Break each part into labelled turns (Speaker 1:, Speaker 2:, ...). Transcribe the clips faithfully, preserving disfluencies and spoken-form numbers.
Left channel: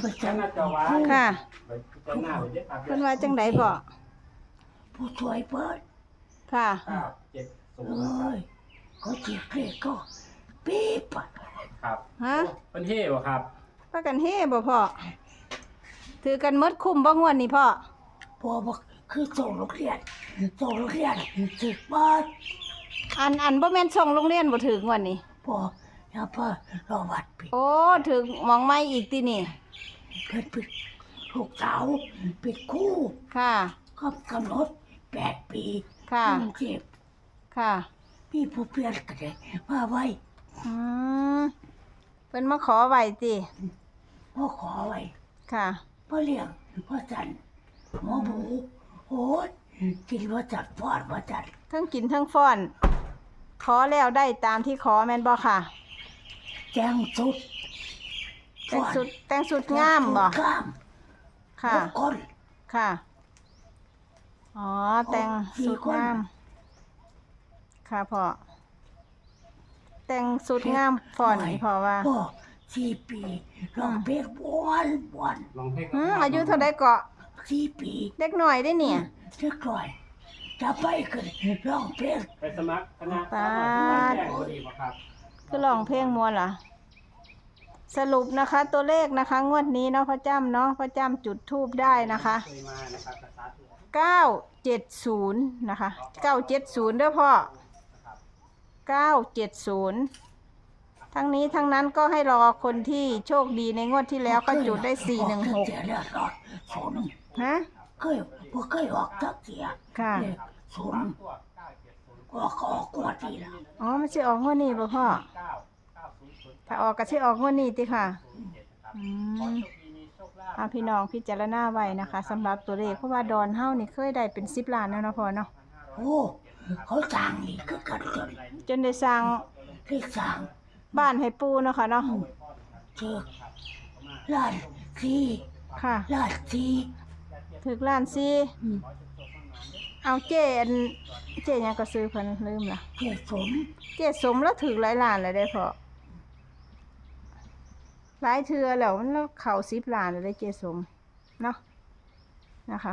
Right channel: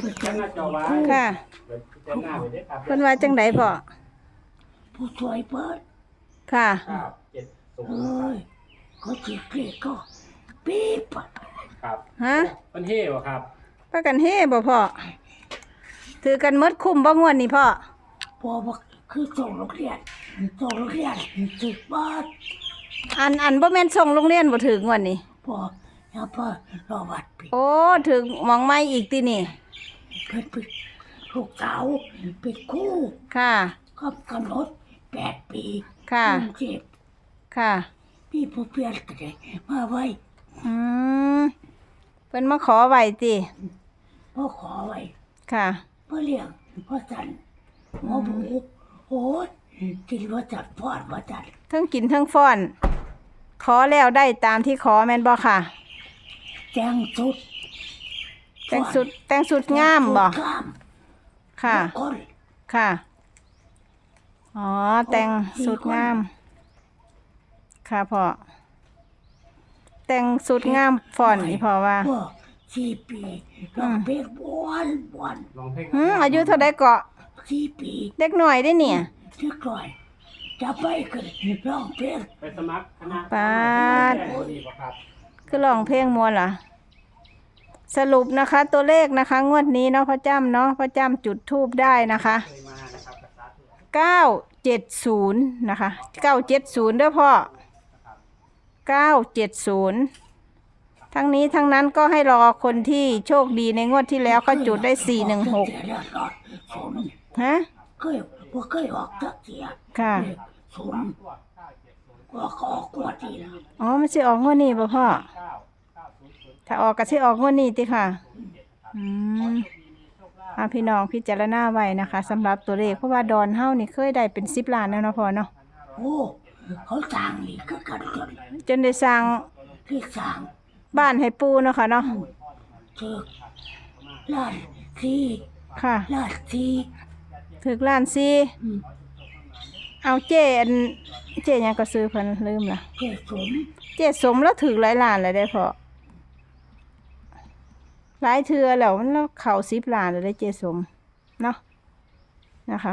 Speaker 1: ไปส่ง
Speaker 2: ค่ะ
Speaker 3: เจ้าหน้าไปได้ครับ
Speaker 2: เพิ่นว่าจังไดพ่อ
Speaker 1: ผู้ช่วยเปิด
Speaker 2: ค่ะ
Speaker 3: เก้าเจ็ดศูน
Speaker 1: เอ้
Speaker 3: ย์
Speaker 1: ยเขาจีเกลียก็ปี๊บอะ
Speaker 3: ครับ
Speaker 2: ฮะ
Speaker 3: มันเท่บ่ครับ
Speaker 2: พากันเฮ่บ่พ่อถือกันหมดคุ้มบ่งวดนี่พ่อ
Speaker 1: พอบอกคือส่งโรงเรียนส่งโรงเรียนถึกบ้าน
Speaker 2: อันอันบ่แม่นส่งโรงเรียนบ่ถึงงวดนี้
Speaker 1: พออย่าพอรอบัตรปิด
Speaker 2: โอ้ถึงหมองไม้อีกตินี่
Speaker 1: เพิ่นปิดลูกสาวปิดคู่
Speaker 2: ค่ะ
Speaker 1: ก็กำหนดแปดปี
Speaker 2: ค่ะ
Speaker 1: กรุงเทพ
Speaker 2: ค่ะ
Speaker 1: พี่ผู้เปลี่ยนก็ได้มาไว้
Speaker 2: อืมเพิ่นมาขอไว้ติ
Speaker 1: พ่อขอไว้
Speaker 2: ค่ะ
Speaker 1: พ่อเลี้ยงพ่อจันหมอบูโอ้ยกินว่าจัดพอดว่าจัด
Speaker 2: ทั้งกินทั้งฟ้อน ขอแล้วได้ตามที่ขอแม่นบ่ค่ะ
Speaker 1: แจ้งสุด
Speaker 2: แต่งสุดแต่งสุดงามบ่
Speaker 1: แจ้งสุดงาม
Speaker 2: ค่ะ
Speaker 1: ทุกคน
Speaker 2: ค่ะ อ๋อ แต่งสุดงาม ค่ะพ่อ แต่งสุดงามฟ้อนนี่พ่อว่า
Speaker 1: พ่อสี่ปีลองเพลงบวนบวน
Speaker 3: ลองเพลง
Speaker 2: หืมอายุเท่าใดเกาะ
Speaker 1: สี่ปี
Speaker 2: เด็กหน่อยได้เนี่ย
Speaker 1: เรียกก่อยจะไปกันร้องเพลง
Speaker 3: ไปสมัครคณะ
Speaker 2: ปาด
Speaker 3: แจ้งดีบ่ครับ
Speaker 2: คือร้องเพลงมวนล่ะ สรุปนะคะ ตัวเลขนะคะ งวดนี้เนาะพ่อจ้ำเนาะพ่อจ้ำจุดทูบได้นะคะ
Speaker 3: เคยมานะครับสาธุ
Speaker 2: เก้าเจ็ดศูนย์นะคะเก้าเจ็ดศูนย์เด้อพ่อเก้าเจ็ดศูนย์ทั้งนี้ทั้งนั้นก็ให้รอคนที่โชคดีในงวดที่แล้วก็จุดได้สี่หนึ่งหก
Speaker 1: เสียแล้วรอดศูนย์
Speaker 2: ฮะ
Speaker 1: เคยบ่เคยออกสักเสีย
Speaker 2: ค่ะ
Speaker 1: เลขศูนย์ออกออกกว่าทีละ
Speaker 2: อ๋อมันสิออกงวดนี้ป่ะพ่อ
Speaker 3: เก้าเก้าศูนย์ศูนย์
Speaker 2: ถ้าออกก็สิออกงวดนี้ติค่ะอืม
Speaker 3: โชคดีมีโชคลาภ
Speaker 2: อ่าพี่น้องพิจารณาไว้นะคะสำหรับตัวเลขเพราะว่าดอนเฮานี่เคยได้เป็นสิบล้านแล้วเนาะพ่อเนาะ
Speaker 1: โอ้เขาสร้างนี่คือกันจน
Speaker 2: จนได้สร้าง
Speaker 1: ที่สร้าง
Speaker 2: บ้านให้ปูเนาะค่ะเนาะ
Speaker 1: เจอล้านสี่
Speaker 2: ค่ะ
Speaker 1: ล้านสี่
Speaker 2: ถึกล้านซี
Speaker 1: อืม
Speaker 2: เอาเจอันเจหยังก็ซื้อเพิ่นลืมละ
Speaker 1: เจสม
Speaker 2: เจสมแล้วถึกหลายล้านเลยได้พอหลายเทื่อแล้วมันแล้วเข้าสิบล้านเลยได้เจสมเนาะนะคะ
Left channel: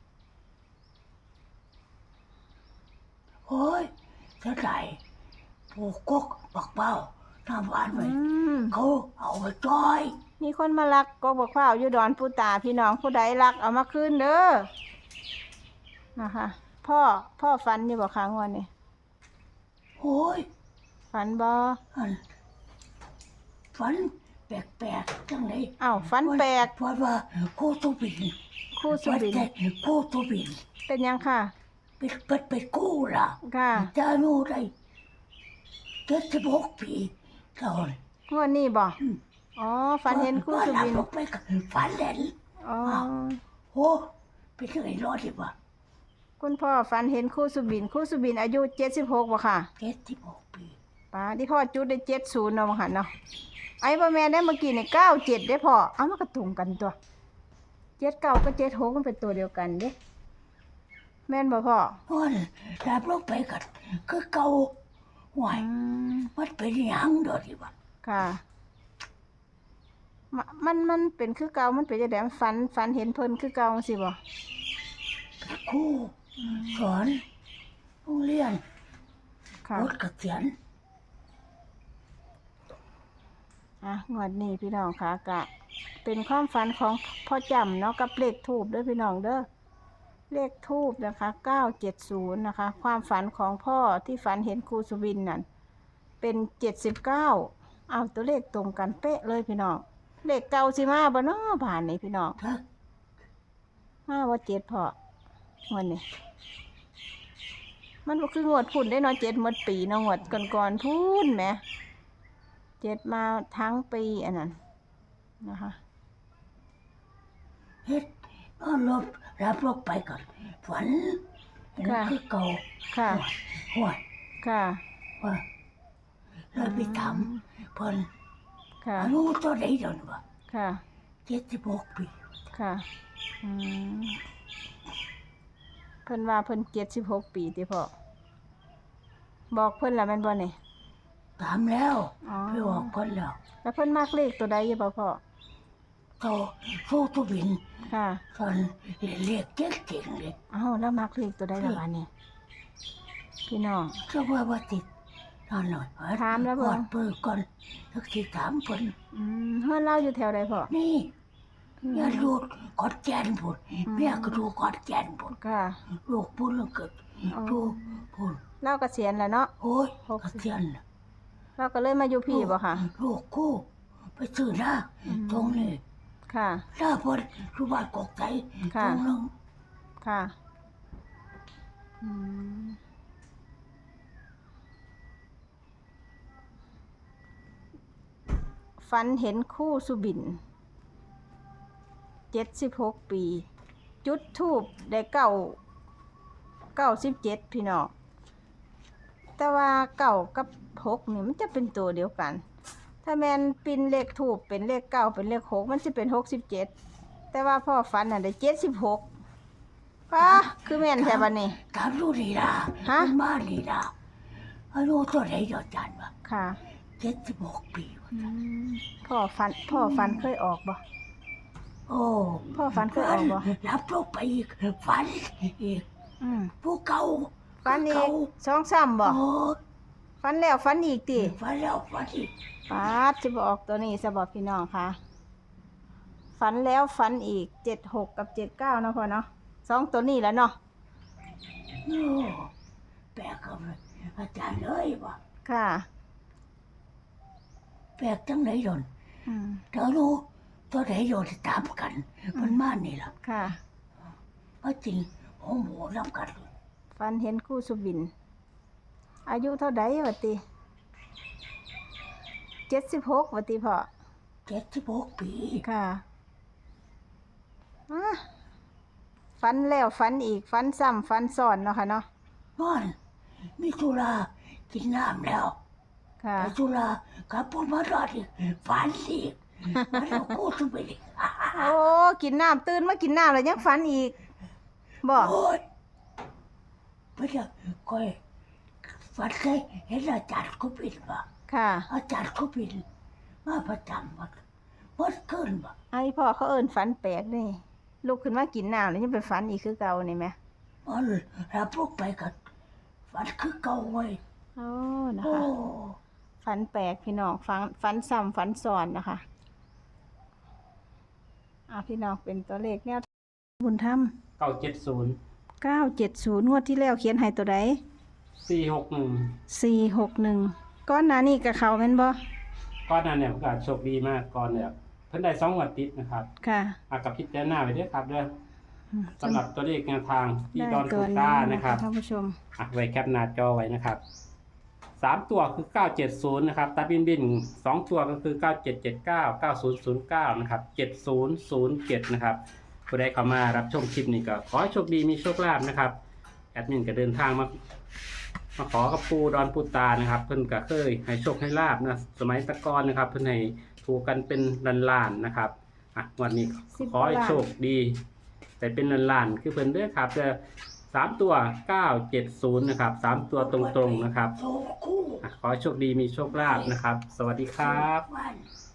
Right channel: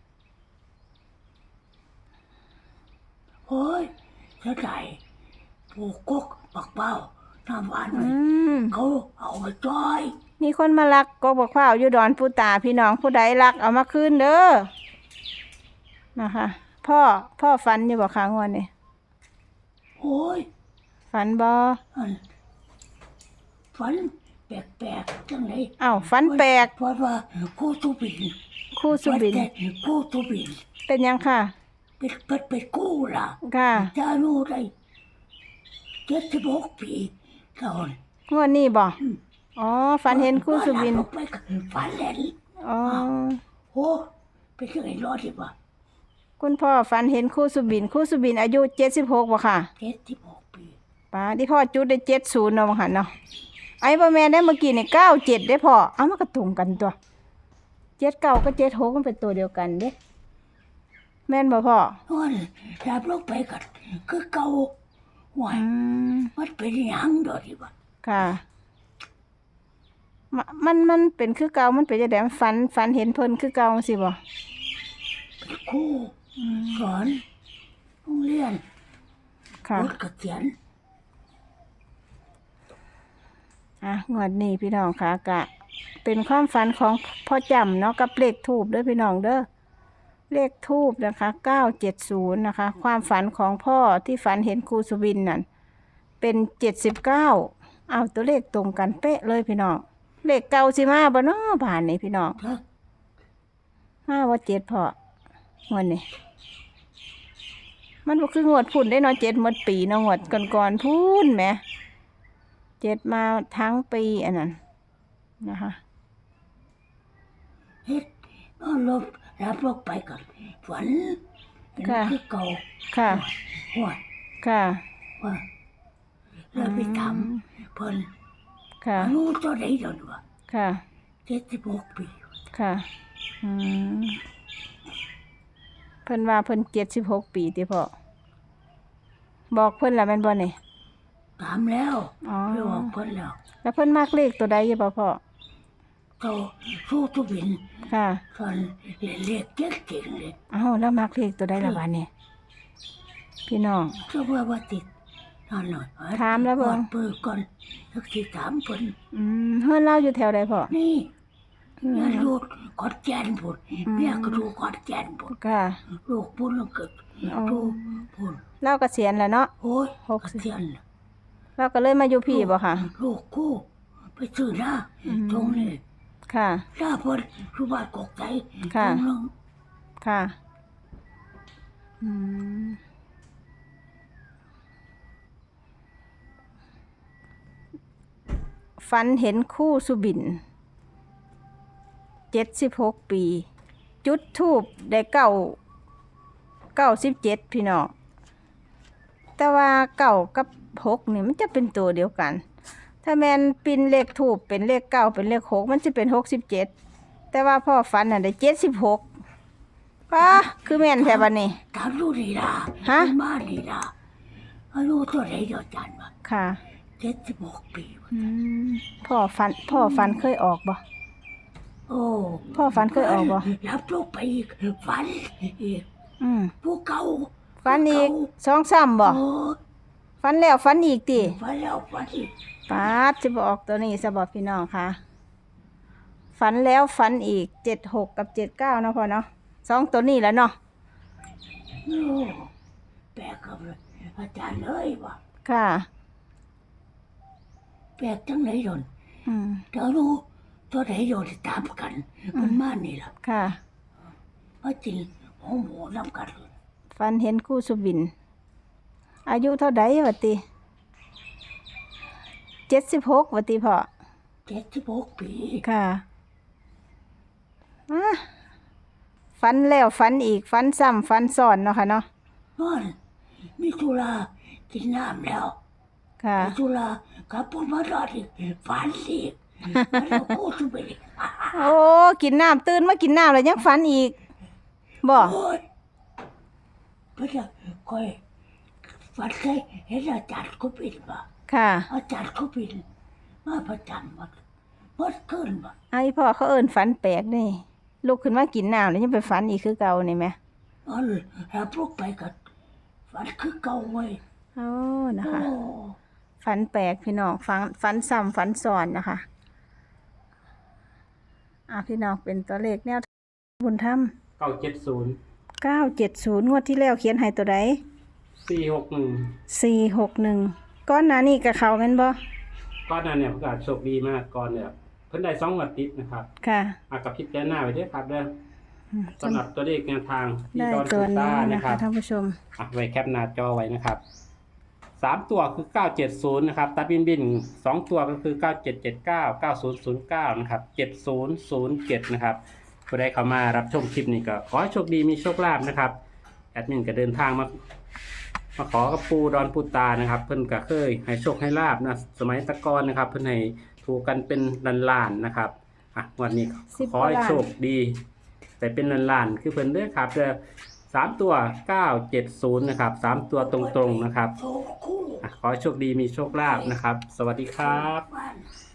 Speaker 1: โอ้ยเสียใจปลูกกกปักเป้าน้ำหวาน
Speaker 2: อื
Speaker 1: ไว้
Speaker 2: ม
Speaker 1: เขาเอาไปจอย
Speaker 2: มีคนมาลักก็บอกว่าอยู่ดอนปูตาพี่น้องผู้ใดลักเอามาคืนเด้อนะคะ พ่อพ่อฝันอยู่บ่ค้างวันนี้
Speaker 1: โอ้ย
Speaker 2: ฝันบ่
Speaker 1: อันฝันแปลกๆจังเลย
Speaker 2: อ้าวฝันแปลก
Speaker 1: เพราะว่าครูตุบิน
Speaker 2: คู่สุบิน
Speaker 1: วัดแต่ครูตุบิน
Speaker 2: เป็นยังค่ะ
Speaker 1: เป็นเป็นเป็นกู้ล่ะ
Speaker 2: ค่ะ
Speaker 1: จะรู้ได้เจ็ดสิบหกปีเท่านั้น
Speaker 2: งวดนี้บ่อ๋อฝันเห็นคู่สุบิน
Speaker 1: ว่าหลัลงไปกับฝันเห็น
Speaker 2: อ๋อ
Speaker 1: โอ้ไปเจอไอ้รอดดีกว่า
Speaker 2: คุณพ่อฝันเห็นคู่สุบินคู่สุบินอายุเจ็ดสิบหกบ่ค่ะ
Speaker 1: เจ็ดสิบหกปี
Speaker 2: ป้าที่พ่อจุดได้เจ็ดศูนย์เนาะบ่ค่ะเนาะไอ้บ่แม่นได้เมื่อกี้นี่เก้าเจ็ดได้พ่อเอามันก็ตรงกันตัวเจ็ดเก้าก็เจ็ดหกมันเป็นตัวเดียวกันเด้แม่นบ่พ่อ
Speaker 1: นอนแลบลงไปกันคือเก่าหวาย
Speaker 2: อืม
Speaker 1: มันเป็นหยังดอกดีกว่า
Speaker 2: ค่ะมะมันมันเป็นคือเก่ามันเป็นจังได๋ฝันฝันเห็นเพิ่นคือเก่าจังซี่บ่
Speaker 1: เป็นครูสอนโรงเรียน
Speaker 2: ค่ะ
Speaker 1: รถเกษียณ
Speaker 2: อ่ะงวดนี้พี่น้องค่ะกะ เป็นความฝันของพ่อจำเนาะกับเลขทูบเด้อพี่น้องเด้อเลขทูบนะคะเก้าเจ็ดศูนย์นะคะ ความฝันของพ่อที่ฝันเห็นครูสุวินนั่นเป็นเจ็ดสิบเก้าเอาตัวเลขตรงกันเป๊ะเลยพี่น้องเลขเก่าสิมาบ่เนาะผ่านนี่พี่น้อง
Speaker 1: ครับ
Speaker 2: มาว่าเจ็ดพองวดนี้มันบ่คืองวดพุ่นได้เนาะเจ็ดหมดปีเนาะงวดก่อนๆพุ่นแหมเจ็ดมาทั้งปีอันนั้นนะคะ
Speaker 1: เฮ็ดนอนลบรับลงไปก่อนฝันเห็นคือเก่า
Speaker 2: ค่ะ
Speaker 1: หัว
Speaker 2: ค่ะ
Speaker 1: ว่าเลยไปถามเพิ่น
Speaker 2: ค่ะ
Speaker 1: อายุเท่าไหร่เดี๋ยวนี้วะ
Speaker 2: ค่ะ
Speaker 1: เจ็ดสิบหกปี
Speaker 2: ค่ะอืมเพิ่นว่าเพิ่นเจ็ดสิบหกปีติพ่อบอกเพิ่นละแม่นบ่นี่
Speaker 1: ถามแล้ว
Speaker 2: อ๋อ
Speaker 1: ไปบอกเพิ่นแล้ว
Speaker 2: แล้วเพิ่นมากเลขตัวใดอยู่บ่พ่อ
Speaker 1: โตสู้ตุบิน
Speaker 2: ค่ะ
Speaker 1: ตอนเรียนเลขเก่งๆเลย
Speaker 2: เอ้าแล้วมักเลขตัวใดละวันนี้พี่น้อง
Speaker 1: เจ้าว่าว่าติดนอนหน่อย
Speaker 2: ถามแล้วบ่
Speaker 1: ก่อนเปิดก่อนสักทีถามคน
Speaker 2: อืมเฮือนเราอยู่แถวใดพ่อ
Speaker 1: นี่
Speaker 2: อืม
Speaker 1: เนี่ยลูกกอดแกนบุญ
Speaker 2: อืม
Speaker 1: เนี่ยก็ดูกอดแกนบุญ
Speaker 2: ค่ะ
Speaker 1: ลูกบุญแล้วเกิด
Speaker 2: อ๋อ
Speaker 1: ดูบุญ
Speaker 2: เราเกษียณแล้วเนาะ
Speaker 1: โอ้ย
Speaker 2: หก
Speaker 1: กระ
Speaker 2: สิบ
Speaker 1: เทียนน่ะ
Speaker 2: เราก็เลยมาอยู่พี่บ่ค่ะ
Speaker 1: ลูกกู้ไปซื้อหน้า
Speaker 2: อืม
Speaker 1: ตรงนี้
Speaker 2: ค่ะ
Speaker 1: หน้าพอรูบ้านกอกใจ
Speaker 2: ค่ะ
Speaker 1: ตรงนึง
Speaker 2: ค่ะอืมฝันเห็นคู่สุบินเจ็ดสิบหกปี จุดทูบได้เก้าเก้าสิบเจ็ดพี่น้องแต่ว่าเก้ากับหกนี่มันจะเป็นตัวเดียวกัน ถ้าแมนปินเลขทูบเป็นเลขเก้าเป็นเลขหกมันจะเป็นหกสิบเจ็ดแต่ว่าพ่อฝันน่ะได้เจ็ดสิบหกป้าคือแม่นแท้บัดนี้
Speaker 1: ถามลูกนี่ล่ะ
Speaker 2: ฮะ
Speaker 1: มันมานี่ล่ะอายุตัวไหนเดียวจันวะ
Speaker 2: ค่ะ
Speaker 1: เจ็ดสิบหกปีวะ
Speaker 2: อืมพ่อฝันพ่อฝันเคยออกบ่
Speaker 1: โอ้
Speaker 2: พ่อฝันเคยออกบ่
Speaker 1: รับลูกไปอีกฝันอีก
Speaker 2: อืม
Speaker 1: ผู้เก่า
Speaker 2: ฝันอีกสองสามบ่
Speaker 1: โอ้
Speaker 2: ฝันแล้วฝันอีกติ
Speaker 1: ฝันแล้วฝันอีก
Speaker 2: ป้าดสิบ่ออกตัวนี้สะบอกพี่น้องค่ะ ฝันแล้วฝันอีกเจ็ดหกกับเจ็ดเก้าเนาะพ่อเนาะสองตัวนี้แล้วเนาะ
Speaker 1: โอ้แปลกกับอาจารย์เลยวะ
Speaker 2: ค่ะ
Speaker 1: แปลกจังไหนยน
Speaker 2: อืม
Speaker 1: เดี๋ยวรู้ตัวไหนโยนตามกัน มันมานี่ล่ะ
Speaker 2: ค่ะ
Speaker 1: มาจริงหัวหมูน้ำกันเลย
Speaker 2: ฝันเห็นคู่สุบิน อายุเท่าใดวะติเจ็ดสิบหกวะติพ่อ
Speaker 1: เจ็ดสิบหกปี
Speaker 2: ค่ะอ่ะฝันแล้วฝันอีกฝันซ้ำฝันซ้อนเนาะค่ะเนาะ
Speaker 1: นอนมีธุระกินน้ำแล้ว
Speaker 2: ค่ะ
Speaker 1: ไปธุระกลับพุ่นมารอดอีกฝันอีกฝันแล้วกูสุไปอีก
Speaker 2: โอ้กินน้ำตื่นมากินน้ำแล้วยังฝันอีกบ่
Speaker 1: โอ้ยไม่ใช่คอยฝันใช่เห็นอาจารย์เขาปิดบ่
Speaker 2: ค่ะ
Speaker 1: อาจารย์เขาปิดมาประจำหมดหมดขึ้นบ่
Speaker 2: ไอ้พ่อเขาเอิ้นฝันแปลกนี่ลุกขึ้นมากินน้ำแล้วยังไปฝันอีกคือเก่านี่ไหม
Speaker 1: อ๋อรับลูกไปกันฝันคือเก่าเว้ย
Speaker 2: โอ้นะ
Speaker 1: โอ้
Speaker 2: คะฝันแปลกพี่น้องฝันฝันซ้ำฝันซ้อนนะคะอ่ะพี่น้องเป็นตัวเลขแนวบุญธรรม
Speaker 3: เก้าเจ็ดศูนย์
Speaker 2: เก้าเจ็ดศูนย์งวดที่แล้วเขียนให้ตัวใด
Speaker 3: สี่หกหนึ่ง
Speaker 2: สี่หกหนึ่งก้อนหนานี่กับเขาแม่นบ่
Speaker 3: ก้อนนั้นเนี่ยประกาศโชคดีมากก่อนเนี่ยเพิ่นได้สองงวดติดนะครับ
Speaker 2: ค่ะ
Speaker 3: อากับพิจารณาไว้ด้วยครับเด้อ
Speaker 2: อืม
Speaker 3: สำหรับตัวเลขแนวทางที่
Speaker 2: ได้
Speaker 3: ดอน
Speaker 2: ตั
Speaker 3: ปู
Speaker 2: ว
Speaker 3: ต้า
Speaker 2: นี้
Speaker 3: นะ
Speaker 2: นะ
Speaker 3: ค
Speaker 2: คะ
Speaker 3: รับ
Speaker 2: ท่านผู้ชม
Speaker 3: อ่ะไว้แคปหน้าจอไว้นะครับสามตัวคือเก้าเจ็ดศูนย์นะครับตัดบินบินสองตัวก็คือเก้าเจ็ดเจ็ดเก้าเก้าศูนย์ศูนย์เก้านะครับเจ็ดศูนย์ศูนย์เจ็ดนะครับผู้ใดเข้ามารับชมคลิปนี้ก็ขอให้โชคดีมีโชคลาภนะครับแอดมินก็เดินทางมามาขอกับปูดอนปูตานะครับ เพิ่นก็เคยให้โชคให้ลาบนะสมัยตะกอนนะครับ เพิ่นให้ถูกกันเป็นล้านๆนะครับอ่ะวันนี้
Speaker 2: สิบ
Speaker 3: ขอให้
Speaker 2: กว่าล้าน
Speaker 3: โชคดี แต่เป็นล้านๆคือเพิ่นเด้อครับเด้อสามตัวเก้าเจ็ดศูนย์นะครับสามตัวตรงๆนะครับ
Speaker 1: โชคคู่
Speaker 3: อ่ะขอให้โชคดีมีโชคลาภนะครับ สวัสดีครับ
Speaker 1: บ้าน